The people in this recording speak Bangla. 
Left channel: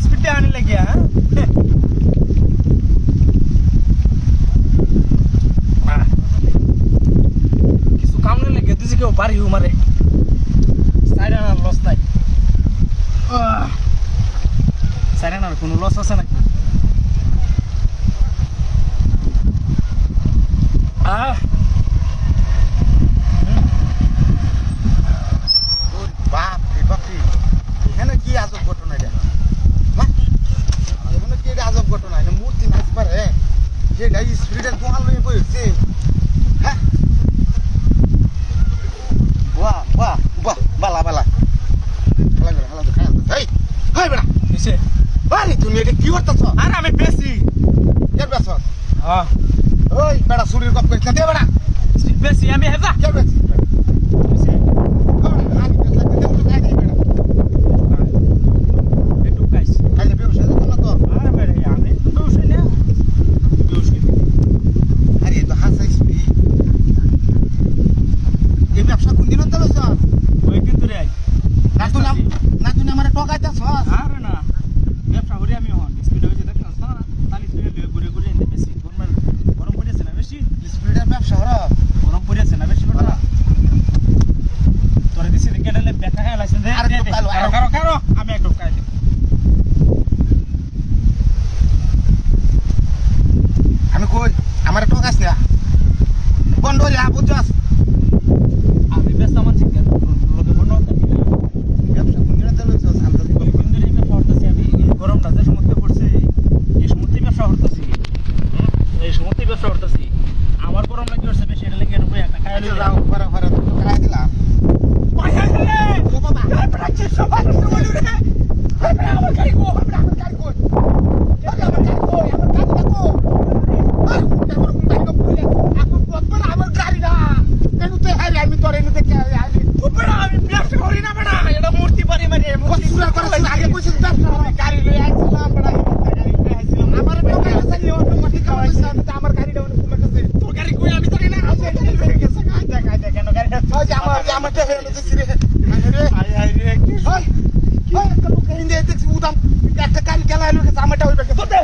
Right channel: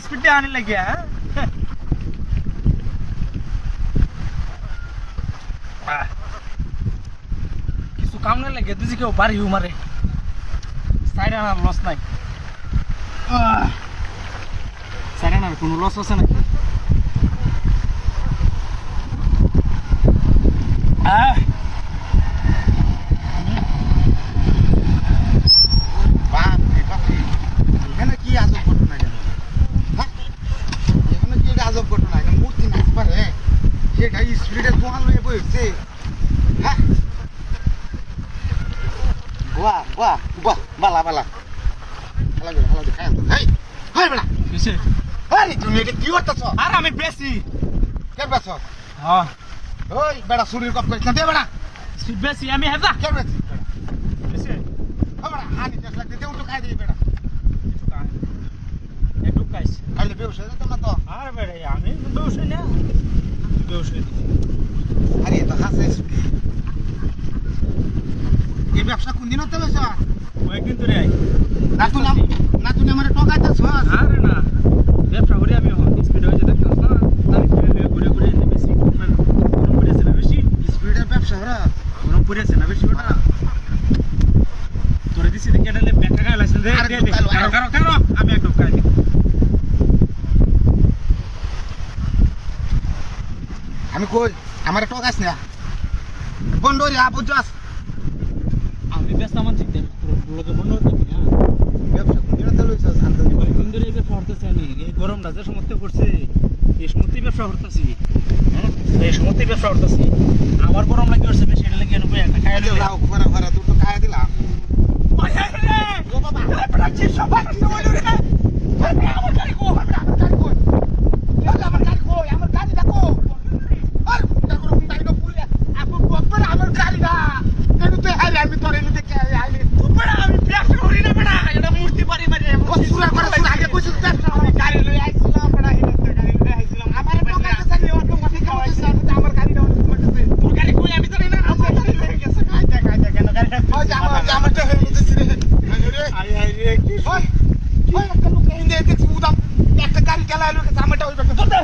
স্পিডে আনে লাগিয়া কিছু কাম না লাগে দিছি কেউ বাড়ি মারে সাইড আনার লস নাই সাইড আনার কোনো লস আছে নাকি বাপরে এখানে কি আজব ঘটনা গেল হ্যাঁ এখানে কি আজব ঘটনা এটা মূর্তি নাচ পারে সেটা স্পিডে গোয়াল হয়ে বসছে হ্যাঁ বাহ বাহ বাহ বালা বালা হালা হালা খাই হেই হেই বেটা কিসে আরে তুমি এটা কি করতেছ আর আমি বেশি কে বেছ হ্যাঁ ওই বেটা শরীর কপ করিস না দে বেটা বেশি আমি হেদা কে বেছ কিসে বেটা হানি দেখ লাগতে দে উঠে খাই দে বেটা একটু গাইস খাইলে বেউস হয়ে যেত না তো আর বেড়ে আমি বেউস না বেউস আরে তো হাসাইস এই ব্যবসা কোন দিন হতে লইছ কয়েকদিন ধরে আই না তুমি আমার টকাইতাছ আরে না ব্যবসা করি আমি স্পিড হয়ে যেতে আমি ঘুরে ঘুরে বেশি গরম পড়েছে না বেশি স্পিডের ব্যবসা হরা গরম পড়েছে না বেশি ওটা তোরে দিছি দেখে ডালে ব্যাকা খাই লাইছেন রে আরে দে কারো কারো আমি একটু খাই আমি কই আমার টকাইছ না বন্ধ রে বুঝছস আমি ব্যস্ত আমার চিন্তা রোদ বন্ধ করতে ব্যবসা কোন দিন হতে লইছ শান্ত কয়েকদিন ধরে ব্যবসা করতেছি আমি এই গরম রাতে সমস্ত করছে এই সময়তেই ব্যবসা করতেছি এই সময়তেই ব্যবসা করতেছি আমার গরম লাগে ওর বেশি এটা লাগে এনে একটা খাই লই যাও ঘরে ঘরে তো খাই দিলাম পয়সা রে ও বাবা প্রাচীর সবার সময় রে আমার গাড়ি কো আমার গাড়ি কই আমার গাড়ি কই আমার গাড়ি দেখো আমার গাড়ি না এনু তো হাই আমি তোর এনু দেখে আইলি বড়া আমি ব্যবসা করি না বড়া এটা মূর্তি বাড়ি মারে সুরা করে সুরা আগে কইছিস দেখ না গাড়ি লই আইছিলাম বড়া গাড়ি লই আইছিলাম আমার টাকা আছে অটোমেটিক কইছিস আমার গাড়িটা তোমার কাছে তোর গাড়ি কই আমি জানি না আমার গাড়ি হয়ে গেছে কাইদা কেন গাড়িটা আমার তো হয়ে গেছে রে আই রে কি হয় একটা লোক হিন্দে দেখছি উদাম একটা গাড়ি চালাইলো আমারটা ওই ব্যাগে বলতে